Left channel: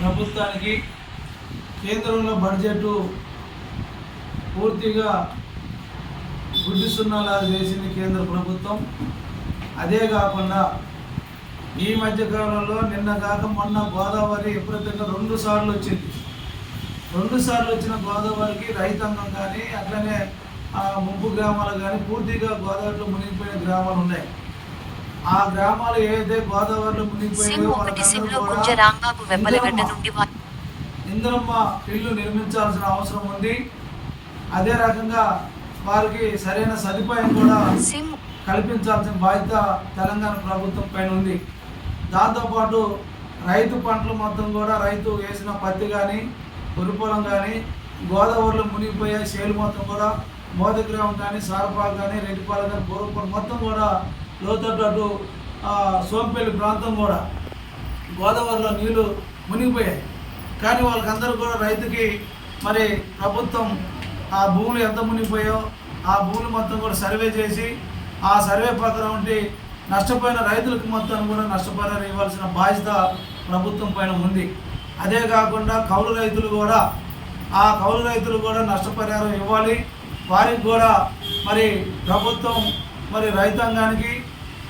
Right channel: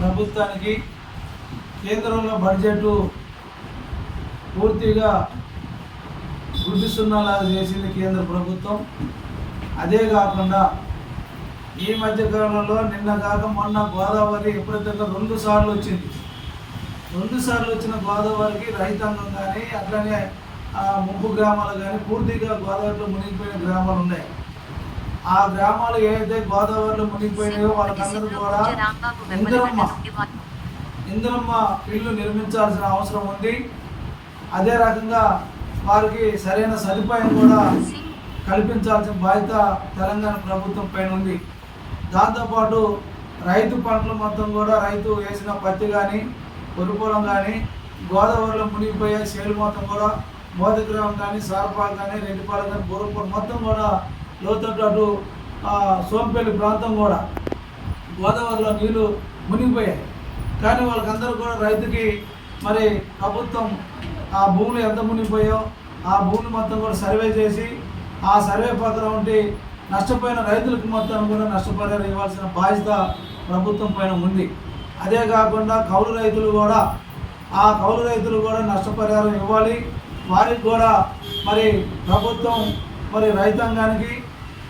ప్రభుత్వానికి కేంద్రంలో బడ్జెట్ పూర్తిగా గుడ్డి సున్నాలాగా చేసింది కేంద్ర ప్రభుత్వం. అదే కాకుండా ఈ మధ్యకాలంలో నిన్న కాక మొన్న గోదావరి విపరీతంగా 2 సార్లు వచ్చింది. 2 సార్లు వచ్చిన గోదావరికి రైతాంగం కానీ అట్లనే ముంపు గ్రామాలు కానీ పూర్తిగా గోదావరిలో మునిగిపోయిన గ్రామాలు ఉన్నాయి. ఆ గ్రామాలు ఏదైతే గోదావరిలో మునిగిపోయినాయో వాళ్ళందరూ కూడా ఇంద్రమ్మ ఇల్లు నిర్మించాల్సిన అవసరం ఉంది. అదే రకంగా వారికి సరైన సదుపాయం కూడా కల్పించాల్సిన బాధ్యత తెలంగాణ ప్రభుత్వం పైన ఉంది. దాంతోపాటు రైతు పంటలు మొత్తం కూడా రైతు వేసిన పత్తి కానీ పొలం కానీ గోదావరిలో మునిగిపోయే చేలు మొత్తం కూడా మోదగ్రామం కానీ సారపాలు కానీ రెడ్డిపాలు కానీ బూరపాలు మొత్తం కూడా లోతట్టు అటు సోంపల్లి ప్రాంతం కూడా గోదావరిలో నీళ్లు మునిగిపోయాయి. కానీ వాళ్ళకందరూ కూడా రైతుకి మరి ప్రభుత్వం ఆ భూములు ఎంత మునిగిపోయో ఆ భూములు మొత్తం కూడా సర్వే చేసి ఆ సర్వే ప్రకారం ఉండి నష్టపోయిన రైతులకు మొత్తం కూడా నష్టపరిహారం ఇవ్వాల్సిన బాధ్యత ప్రభుత్వం పైన ఉంది. అదే కాకుండా కౌలు రైతులు కూడా నష్టపరిహారం ఇవ్వాలి. వారికి కూడా మరి ప్రభుత్వం మరి రైతాంగానికి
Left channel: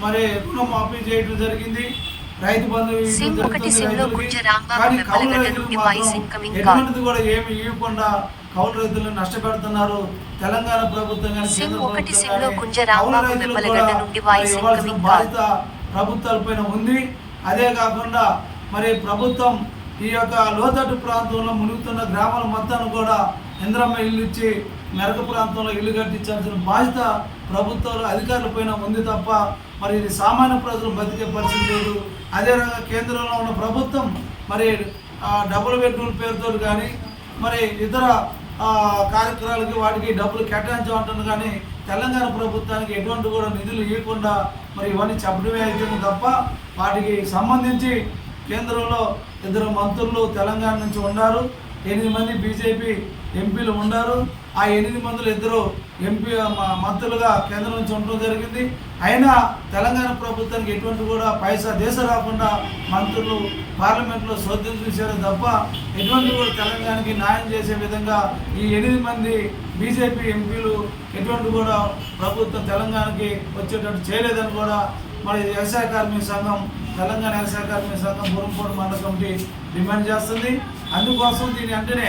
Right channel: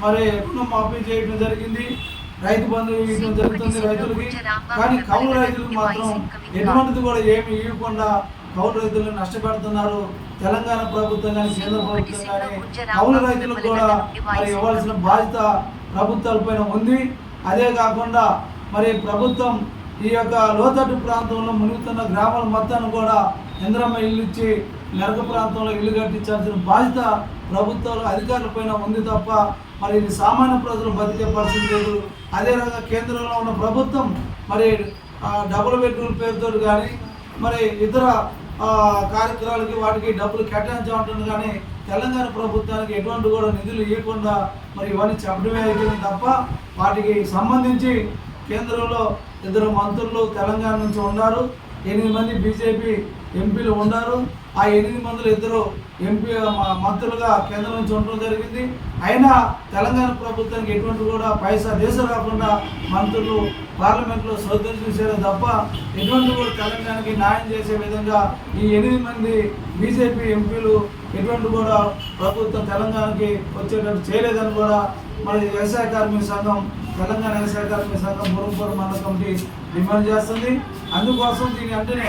మరి రుణం మాఫీ చేయడం జరిగింది, రైతు బంధు ఇవ్వడం జరుగుతుంది రైతులకి. కానీ కౌలు రైతులకు మాత్రం ఎటువంటిది కూడా ఏమి ఇవ్వకుండా కౌలు రైతులను నష్టపెడుతున్నారు. తెలంగాణ ప్రభుత్వం కానీ కేంద్ర ప్రభుత్వం కానీ కౌలు రైతులకు కూడా మరి ఇవ్వాల్సిన బాధ్యత ప్రభుత్వాలపైన ఉంది. అదే కాకుండా మరి ప్రభుత్వం ఈ యొక్క లోతట్టు ప్రాంతంలో మునుగుతున్న గ్రామాల మొత్తాన్ని కూడా ఇంద్రమ్మ ఇల్లు ఇచ్చి మెరక ప్రాంతంలో ఇల్లు కట్టించాల్సిన బాధ్యత ప్రభుత్వాలు అధికారులపైన ఉంది తప్ప మరి ఇది సామాన్య ప్రజలు బతికే పరిస్థితి లేదు. అదే రకంగా కేంద్రంలో ఉన్న ప్రభుత్వం మరి డబుల్ బెడ్రూమ్ పేరుతో కానీ మరి ఇతర కార్యక్రమాలకి వాటికి డబ్బులు కేటాయించమంటుంది. కానీ తెలంగాణ ప్రభుత్వానికి ఎటువంటి కూడా నిధులు ఇవ్వకుండా మరి ఇవన్నీ చెప్పడమే అయిపోయింది తప్ప వాటికి సంబంధించి కేంద్రంలో 2 మంత్రులు తెలంగాణ నుంచి ఉన్నారు, 8 మంది బీజేపీ ఎంపీలు ఉన్నారు. ఆ 8 మందిలో 2 ఎంపీ మంత్రులుగా కేంద్రం నుంచి ఉండడం జరిగింది. అయినా తెలంగాణ ప్రభుత్వానికి ఎటువంటి కూడా పైసా దేశ రాకుండా మంత్రులు పార్లమెంట్లో శోధన చూశారు తప్ప ఎటువంటి కూడా తెలంగాణకి న్యాయం చేసే విధంగా ఈ 8 మంది బీజేపీ ఎంపీలు ఎటువంటి కూడా ప్రభుత్వం తెలంగాణకి వచ్చేటట్టు చేయలేదని కూడా మరి వ్యవసాయ కార్మిక సంఘం తెలంగాణ వ్యవసాయ కార్మిక సంఘం బురంపూడి మండల కమిటీ డిమాండ్ చేస్తుంది. అందుకోసం దీని వెంటనే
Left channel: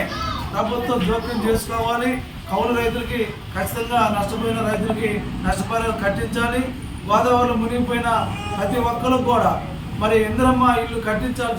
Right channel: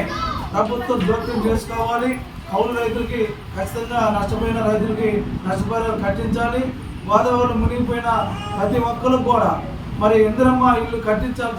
ప్రభుత్వం జోక్యం చేసుకోవాలి. కౌలు రైతులకి ఖచ్చితంగా నష్టపోయిన రైతులకి నష్టపరిహారం కట్టించాలి. గోదావరిలో మునిగిపోయిన ప్రతి ఒక్కరికి కూడా మరి ఇంద్రమ్మ ఇల్లు కట్టించాల్సిన